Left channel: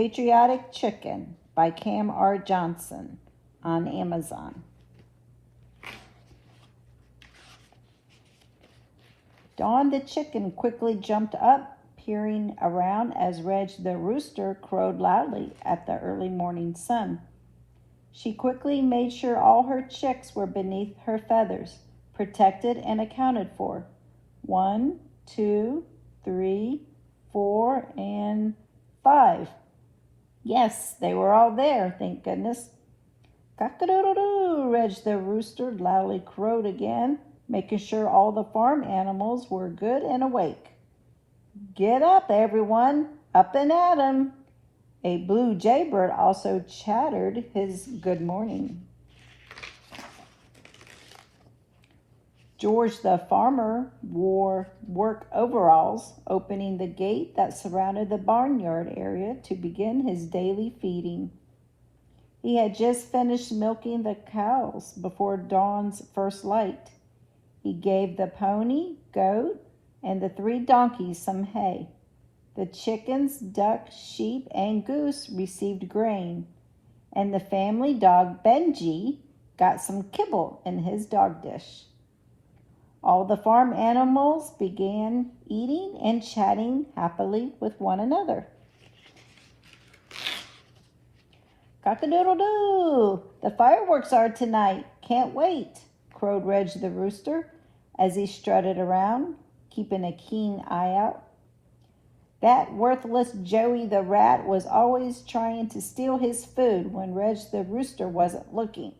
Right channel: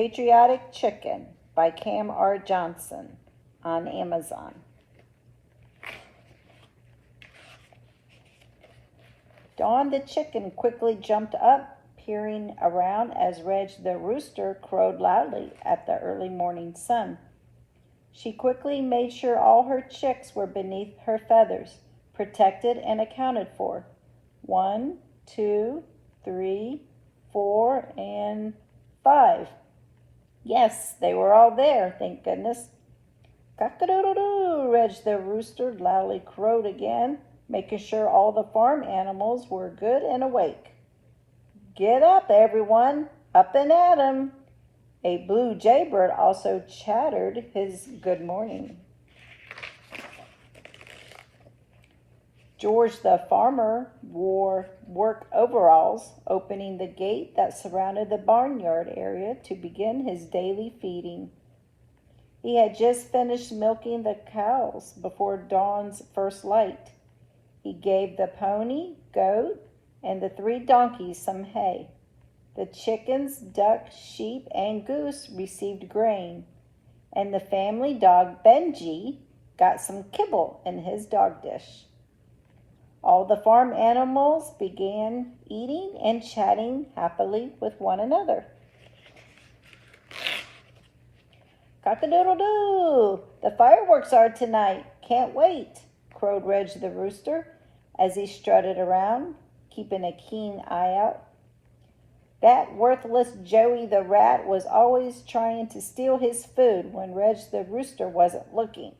Patriotic Chicken by Kam R Johnson on Amazon. Dawn the chicken quickly jumped up, peering around as Reg the rooster crowed loudly at the early morning sun. She quickly made sure all her chicks were beneath her feathers, protected and accounted for. 1, 2, 3, 4, and 5. Yes, they were all there, thank goodness. Cock-a-doodle-doo, Reg the rooster loudly crowed again, making sure all the farm animals were good and awake. Get up, everyone, up and at 'em. A blue jaybird also chattered his good morning. George the farmer wore work overalls, opening the gate that surrounded the barnyard area to begin his daily feeding. He had just finished milking the cows before dawn's first light. He gave the pony, goat, and the 3 donkeys some hay. The chickens, duck, sheep, and goose received grain, and the family dog Benji got some kibble in his dog dish. All the farm animals began eating and chatting happily with one another. Cock-a-doodle-doo! The fireworks are tonight. Can't wait, crowed Reg the rooster as he strutted around, keeping a keen eye out. That worthless Joey the rat was always trying to steal his food when Reg the rooster wasn't looking.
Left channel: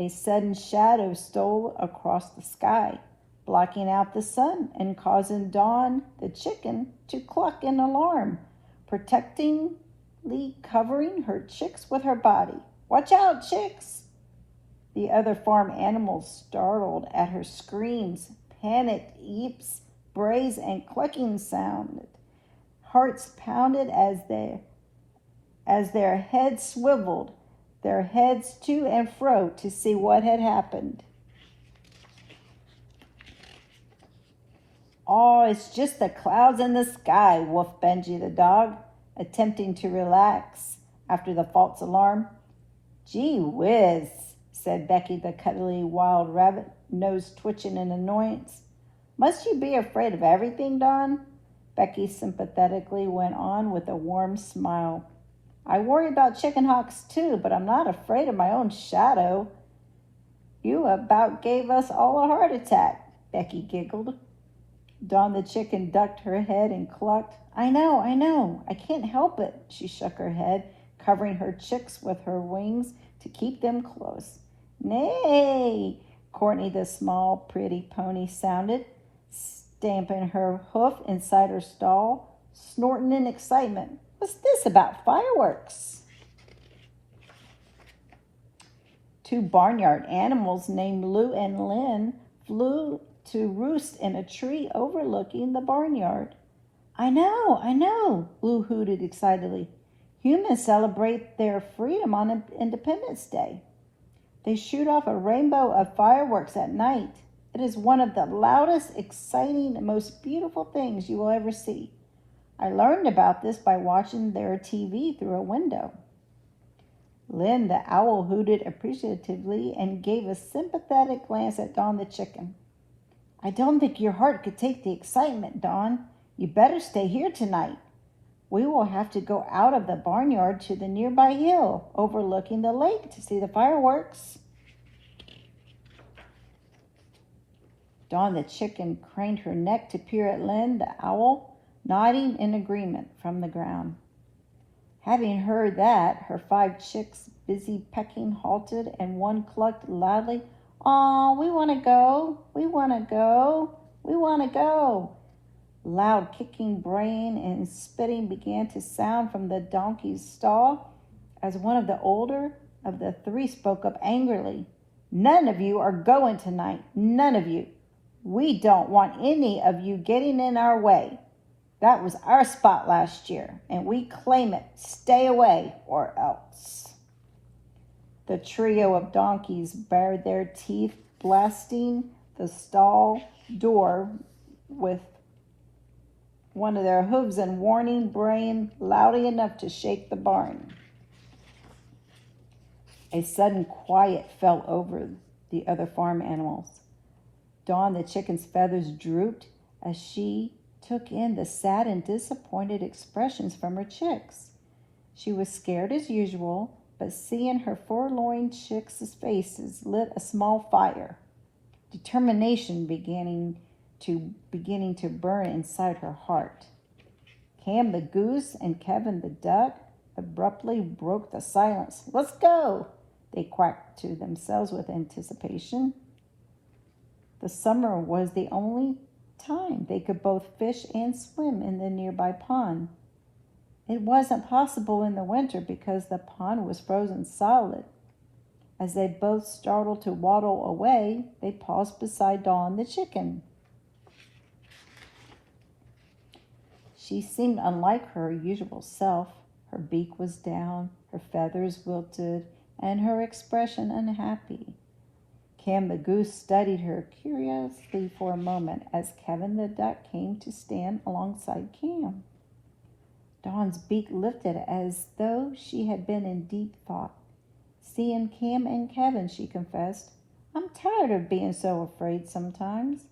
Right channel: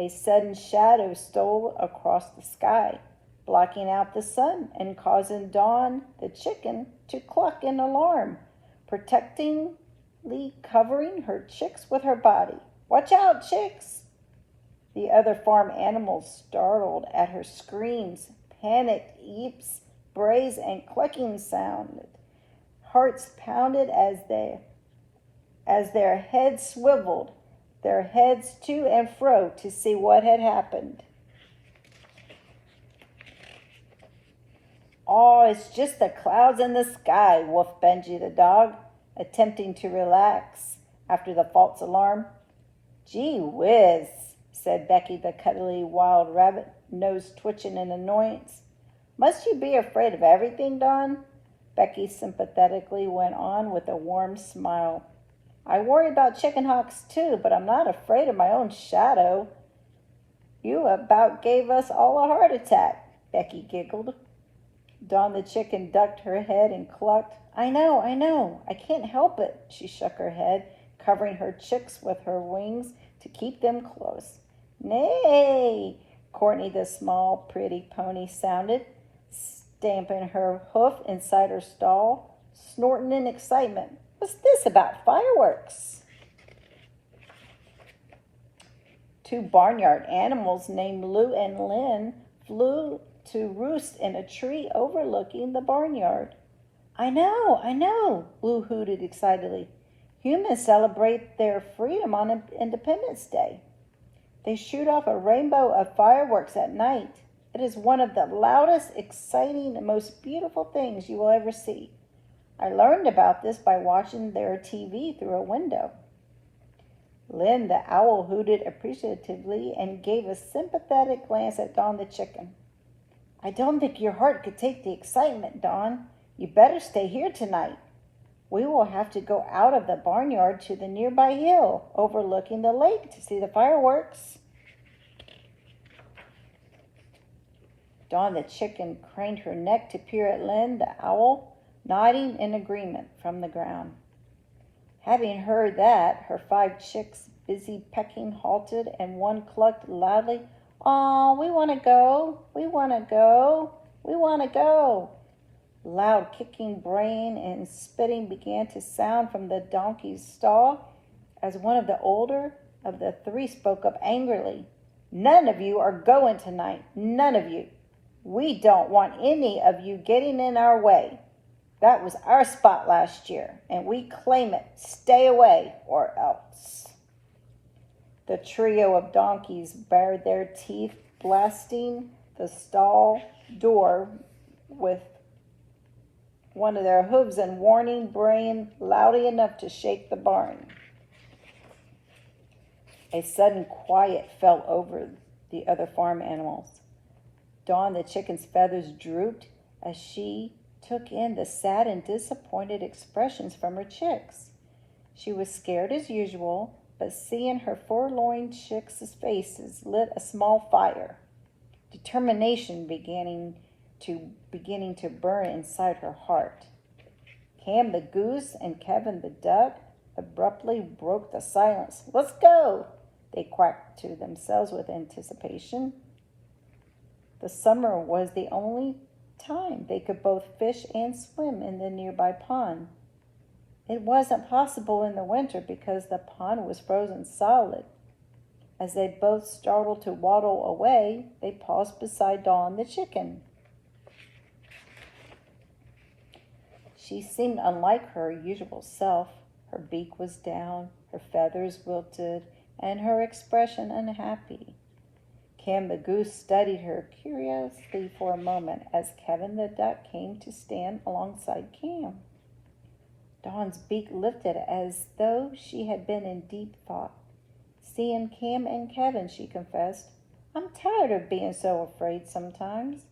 A sudden shadow stole across the sky, blocking out the sun and causing Dawn the chicken to cluck in alarm, protectively covering her chicks with her body. Watch out, chicks! The other farm animals, startled at her screams, panicked eeps, brays, and clucking sounded. Hearts pounded as their heads swiveled, their heads to and fro to see what had happened. Oh, it's just the clouds in the sky, woofed Benji the dog, attempting to relax after the false alarm. Gee whiz, said Becky the cuddly wild rabbit, nose twitching in annoyance. Must you be afraid of everything, Dawn? Becky sympathetically went on with a warm smile. I worry about chicken hawks too, but I'm not afraid of my own shadow. You about gave us all a heart attack, Becky giggled. Dawn the chicken ducked her head and clucked. I know, I can't help it. She shook her head, covering her chicks with her wings to keep them close. Nay, Courtney the small, pretty pony sounded, stamping her hoof inside her stall, snorting in excitement. What's this about fireworks? 2 barnyard animals named Lou and Lynn flew to roost in a tree overlooking the barnyard. I know, Lou hooted excitedly. Humans celebrate their freedom on Independence Day. They shoot off a rainbow of fireworks at night. It is one of the loudest, exciting, and most beautiful things you will ever see. I learned about this by watching their TV through a window. Lynn the owl hooted appreciatively and gave a sympathetic glance at Dawn the chicken. I don't think your heart could take the excitement, Dawn. You better stay here tonight. We will have to go out of the barnyard to the nearby hill overlooking the lake to see the fireworks. Dawn the chicken craned her neck to peer at Lynn the owl, nodding in agreement from the ground. Having heard that, her 5 chicks, busy pecking, halted, and one clucked loudly, Aw, we want to go, we want to go, we want to go. Loud kicking, braying, and spitting began to sound from the donkey's stall as one of the older of the 3 spoke up angrily. None of you are going tonight, none of you. We don't want any of you getting in our way. That was our spot last year, and we claim it. Stay away, or else. The trio of donkeys bared their teeth, blasting the stall door with one of their hooves and warning braying loudly enough to shake the barn. A sudden quiet fell over the other farm animals. Dawn the chicken's feathers drooped as she took in the sad and disappointed expressions from her chicks. She was scared as usual, but seeing her forlorn chicks' faces lit a small fire. Determination beginning to burn inside her heart. Kam the goose and Kevin the duck abruptly broke the silence. "Let's go," they quacked to themselves with anticipation. The summer was the only time they could both fish and swim in the nearby pond. It wasn't possible in the winter because the pond was frozen solid. As they both started to waddle away, they paused beside Dawn the chicken. She seemed unlike her usual self. Her beak was down, her feathers wilted, and her expression unhappy. Kam the goose studied her curiously for a moment as Kevin the duck came to stand alongside Kam. Dawn's beak lifted as though she had been in deep thought. "Seeing Kam and Kevin," she confessed. "I'm tired of being so afraid sometimes."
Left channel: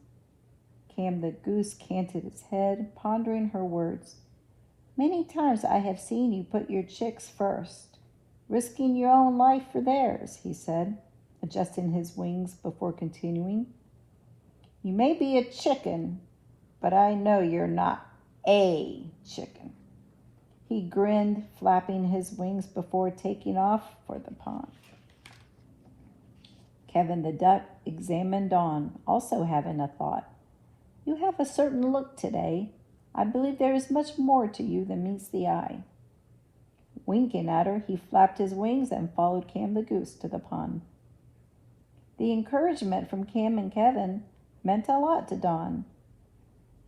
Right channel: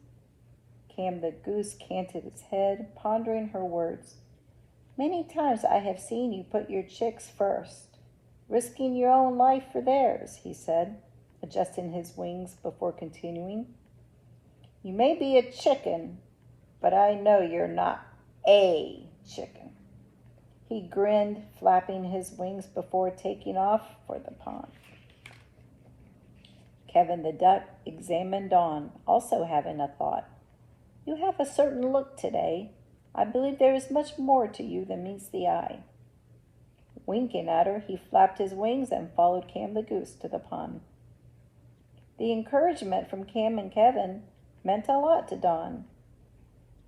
Kam the goose canted its head, pondering her words. "Many times I have seen you put your chicks first, risking your own life for theirs," he said, adjusting his wings before continuing. "You may be a chicken, but I know you're not a chicken." He grinned, flapping his wings before taking off for the pond. Kevin the duck examined Dawn, also having a thought. "You have a certain look today. I believe there is much more to you than meets the eye." Winking at her, he flapped his wings and followed Kam the goose to the pond. The encouragement from Kam and Kevin meant a lot to Dawn.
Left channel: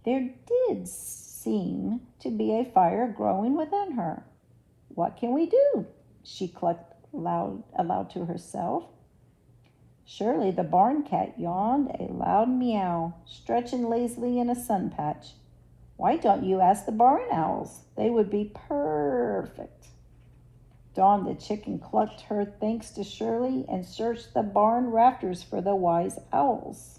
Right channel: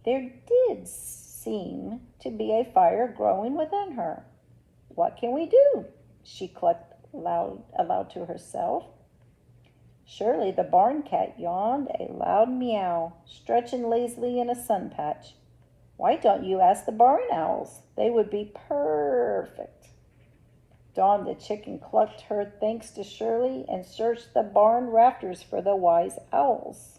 There did seem to be a fire growing within her. "What can we do?" she clucked aloud to herself. Surely the barn cat yawned a loud meow, stretching lazily in a sun patch. "Why don't you ask the barn owls? They would be perfect." Dawn the chicken clucked her thanks to Shirley and searched the barn rafters for the wise owls.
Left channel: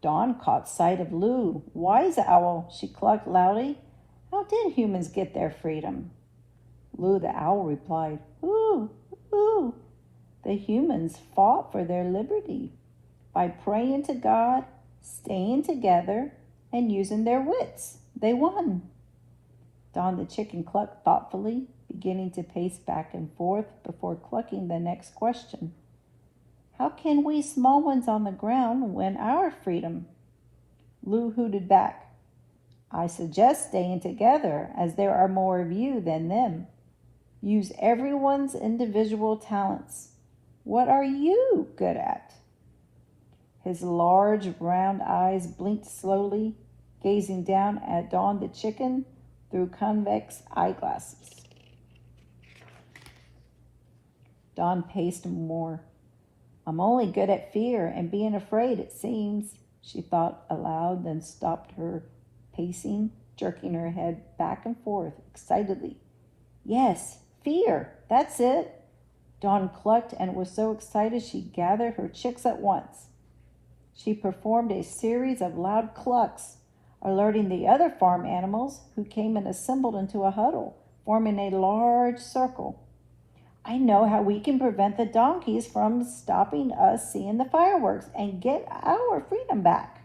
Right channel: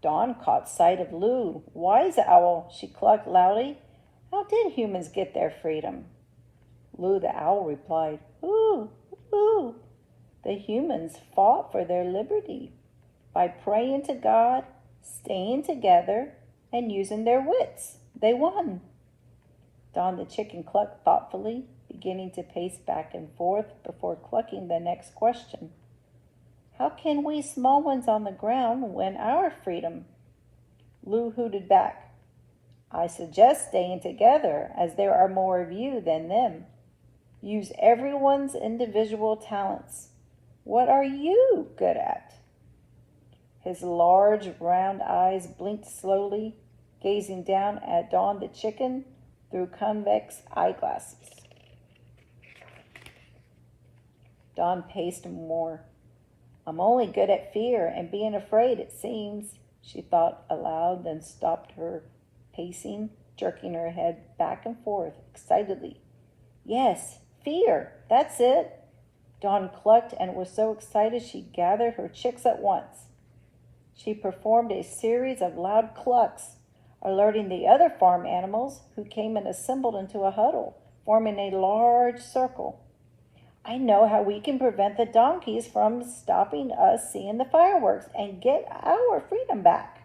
Dawn caught sight of Lou. "Wise owl," she clucked loudly. "How did humans get their freedom?" Lou the owl replied, "Ooh, ooh. The humans fought for their liberty by praying to God, staying together, and using their wits. They won." Dawn the chicken clucked thoughtfully, beginning to pace back and forth before clucking the next question. "How can we small ones on the ground win our freedom?" Lou hooted back, "I suggest staying together, as there are more of you than them. Use everyone's individual talents. What are you good at?" His large, round eyes blinked slowly, gazing down at Dawn the chicken through convex eyeglasses. Dawn paced more. "I'm only good at fear and being afraid, it seems," she thought aloud, then stopped her pacing, jerking her head back and forth excitedly. "Yes, fear, that's it." Dawn clucked and was so excited she gathered her chicks at once. She performed a series of loud clucks, alerting the other farm animals, who came and assembled into a huddle, forming a large circle. "I know how we can prevent the donkeys from stopping us seeing the fireworks and get our freedom back."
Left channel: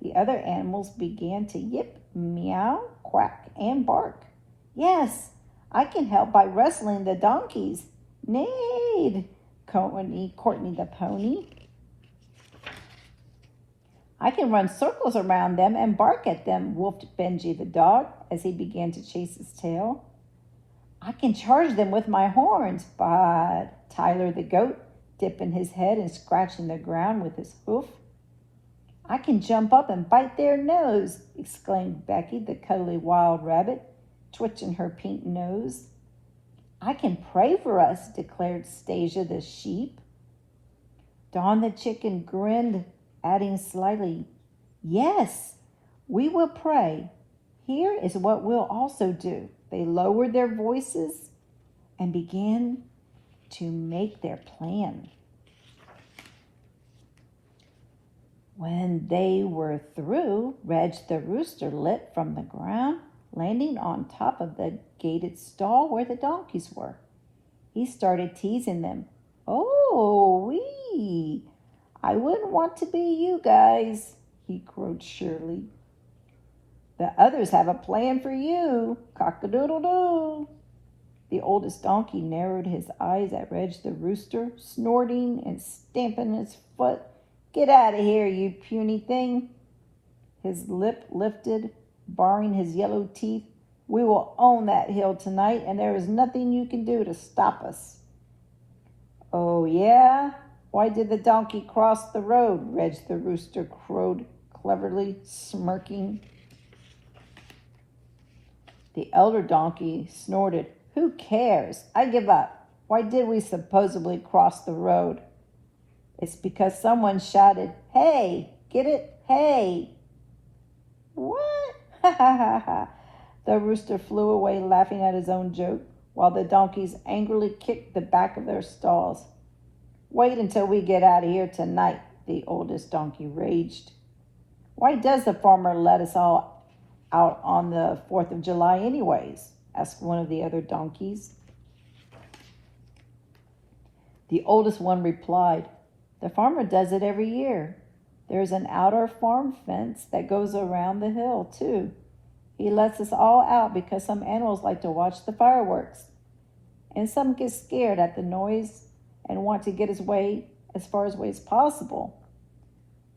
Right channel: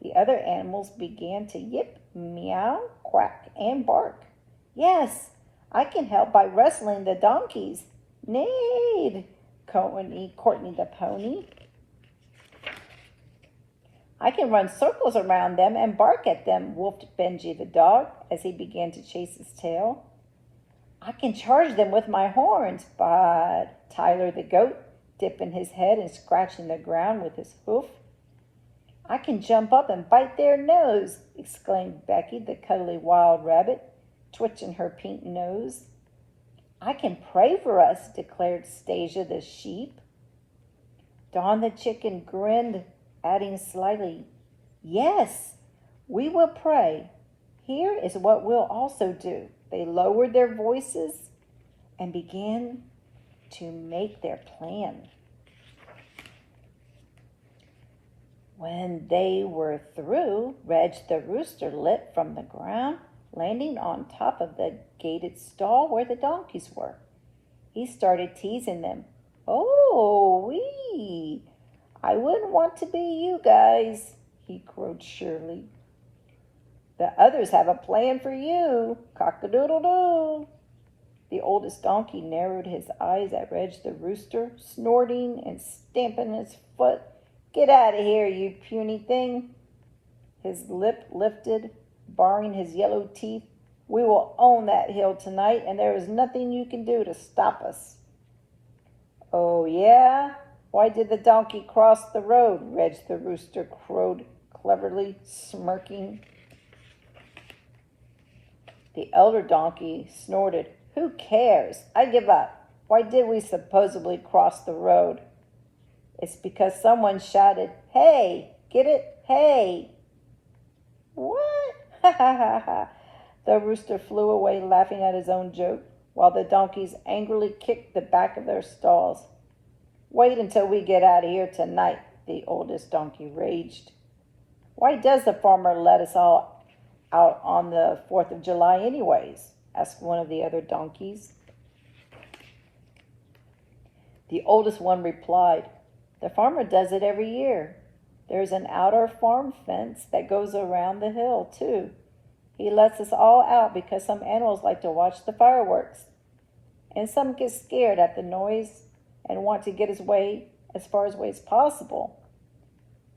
The other animals began to yip, meow, quack, and bark. "Yes, I can help by wrestling the donkeys," neighed Courtney the pony. "I can run circles around them and bark at them," whooped Benji the dog as he began to chase his tail. "I can charge them with my horns," but Tyler the goat, dipping his head and scratching the ground with his hoof. "I can jump up and bite their nose," exclaimed Becky the cuddly wild rabbit, twitching her pink nose. "I can pray for us," declared Stasia the sheep. Dawn the chicken grinned, adding slyly, Yes, we will pray. Here is what we'll also do. They lowered their voices and began to make their plan. When they were through, Reg the rooster lit from the ground, landing on top of the gated stall where the donkeys were. He started teasing them. Oh, wee! I wouldn't want to be you guys, he crowed cheerily. The others have a plan for you, cock-a-doodle-doo. The oldest donkey narrowed his eyes at Reg the rooster, snorting and stamping his foot. Get out of here, you puny thing. His lip lifted, baring his yellow teeth. We will own that hill tonight, and there is nothing you can do to stop us. Oh, yeah? Why did the donkey cross the road? Reg the rooster crowed cleverly, smirking. The elder donkey snorted. Who cares? I give up. Why did we supposedly cross the road? It's because someone shouted, hey, get it? Hey. What? Ha ha ha ha. The rooster flew away laughing at his own joke, while the donkeys angrily kicked the back of their stalls. Wait until we get out of here tonight, the oldest donkey raged. Why does the farmer let us all out on the 4th of July anyways? Asked one of the other donkeys. The oldest one replied, the farmer does it every year. There's an outer farm fence that goes around the hill, too. He lets us all out because some animals like to watch the fireworks. And some get scared at the noise and want to get as far away as possible.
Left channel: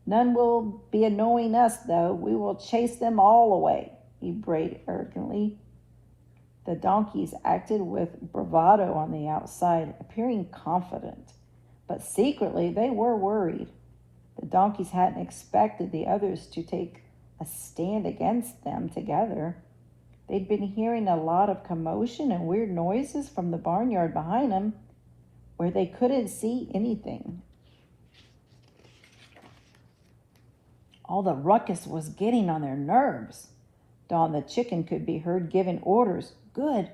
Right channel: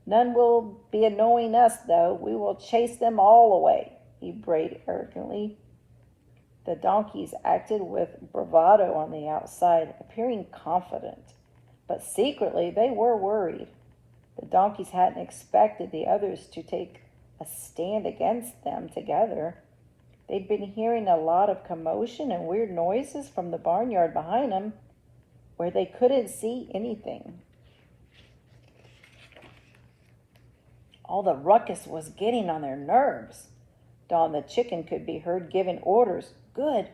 None will be annoying us, though. We will chase them all away, he brayed arrogantly. The donkeys acted with bravado on the outside, appearing confident. But secretly, they were worried. The donkeys hadn't expected the others to take a stand against them together. They'd been hearing a lot of commotion and weird noises from the barnyard behind them, where they couldn't see anything. All the ruckus was getting on their nerves. Dawn the chicken could be heard giving orders. Good,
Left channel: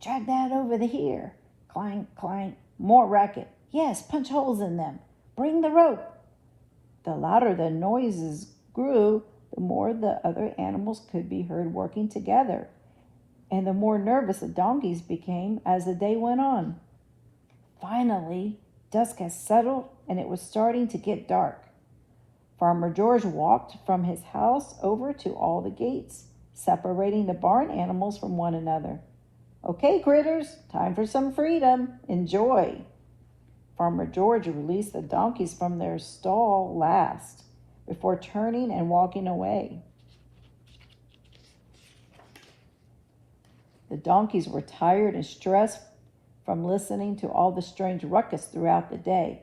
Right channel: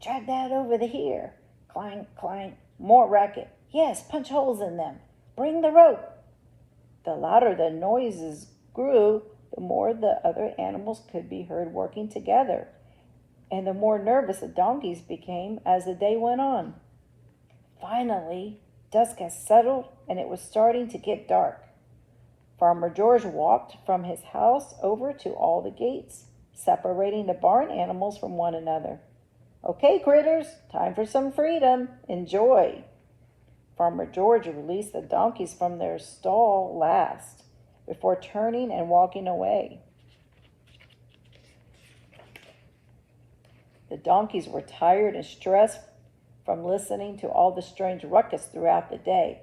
drag that over to here. Clank, clank, more racket. Yes, punch holes in them. Bring the rope. The louder the noises grew, the more the other animals could be heard working together, and the more nervous the donkeys became as the day went on. Finally, dusk had settled, and it was starting to get dark. Farmer George walked from his house over to all the gates, separating the barn animals from one another. Okay, critters, time for some freedom. Enjoy. Farmer George released the donkeys from their stall last, before turning and walking away. The donkeys were tired and stressed from listening to all the strange ruckus throughout the day.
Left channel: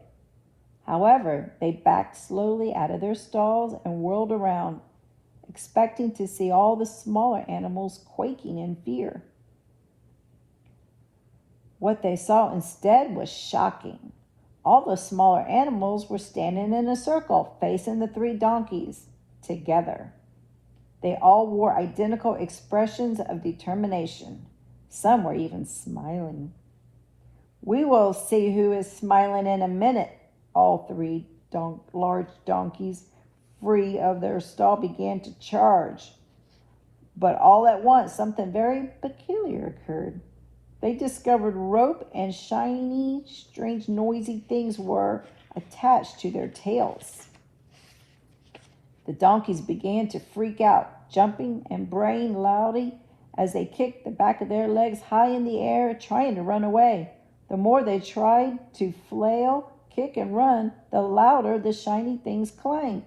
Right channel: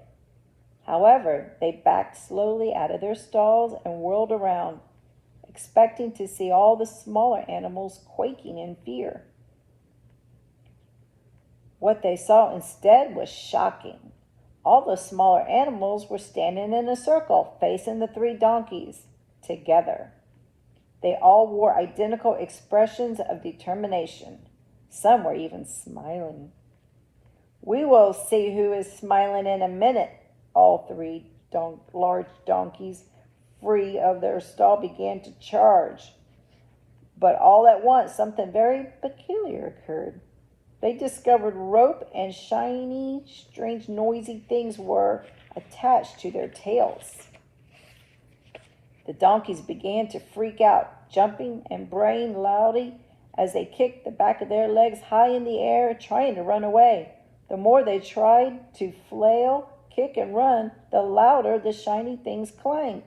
However, they backed slowly out of their stalls and whirled around, expecting to see all the smaller animals quaking in fear. What they saw instead was shocking. All the smaller animals were standing in a circle, facing the 3 donkeys, together. They all wore identical expressions of determination. Some were even smiling. We will see who is smiling in a minute, all 3 large donkeys, free of their stall, began to charge. But all at once, something very peculiar occurred. They discovered rope and shiny, strange, noisy things were attached to their tails. The donkeys began to freak out, jumping and braying loudly as they kicked the back of their legs high in the air, trying to run away. The more they tried to flail, kick, and run, the louder the shiny things clanged.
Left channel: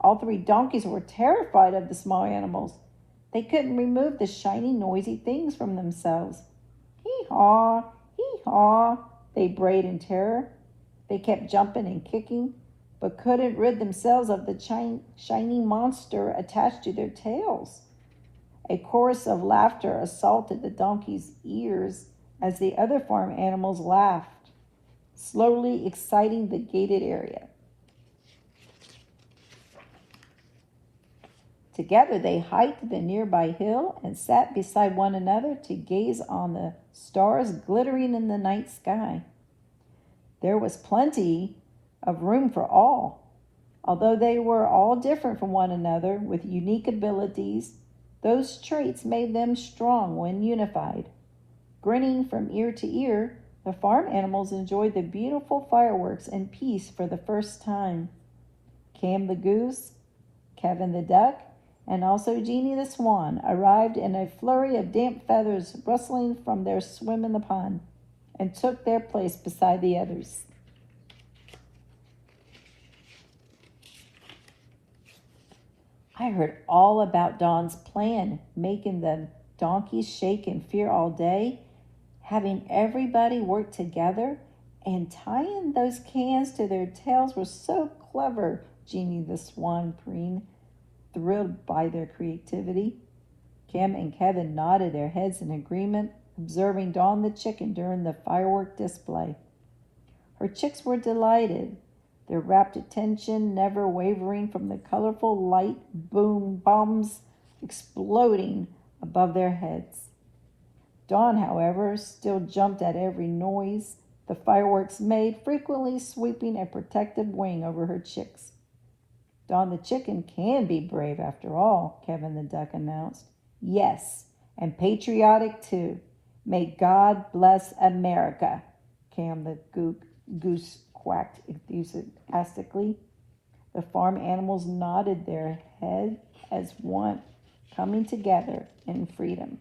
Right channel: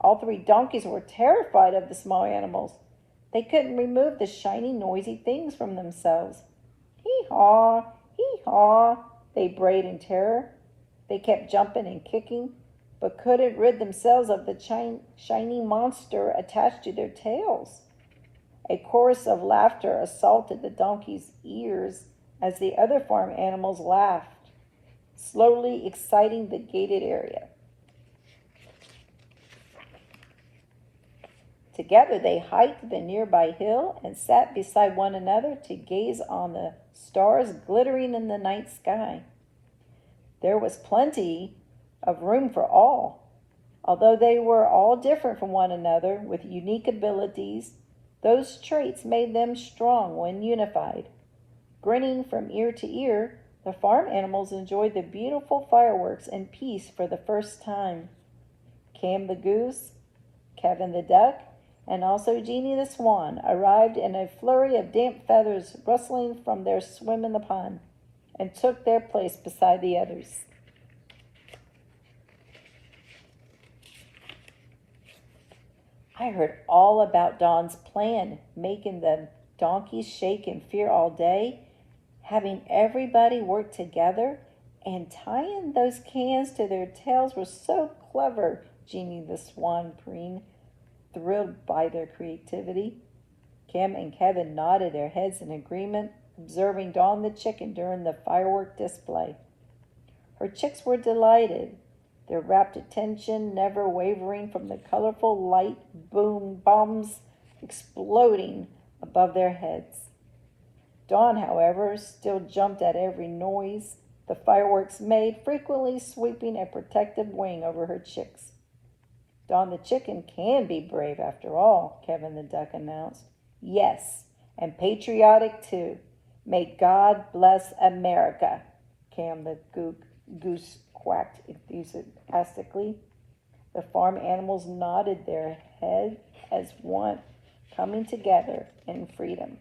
All 3 donkeys were terrified of the small animals. They couldn't remove the shiny, noisy things from themselves. Hee-haw, hee-haw, they brayed in terror. They kept jumping and kicking, but couldn't rid themselves of the shiny monster attached to their tails. A chorus of laughter assaulted the donkeys' ears as the other farm animals laughed, slowly exciting the gated area. Together they hiked the nearby hill and sat beside one another to gaze on the stars glittering in the night sky. There was plenty of room for all. Although they were all different from one another with unique abilities, those traits made them strong when unified. Grinning from ear to ear, the farm animals enjoyed the beautiful fireworks in peace for the first time. Kam the goose, Kevin the duck, and also Jeannie the swan arrived in a flurry of damp feathers rustling from their swim in the pond and took their place beside the others. I heard all about Don's plan, making the donkeys shake in fear all day, having everybody work together, and tying those cans to their tails was so clever, Jeannie the swan preened, thrilled by their creativity. Kam and Kevin nodded their heads in agreement, observing Dawn the chicken during the firework display. Her chicks were delighted, their rapt attention never wavering from the colorful light boom bombs exploding above their heads. Dawn, however, still jumped at every noise the fireworks made, frequently sweeping a protective wing over her chicks. Dawn the chicken can be brave after all, Kevin the duck announced. Yes, and patriotic too. May God bless America, Kam the goose quacked enthusiastically. The farm animals nodded their head as one, coming together in freedom.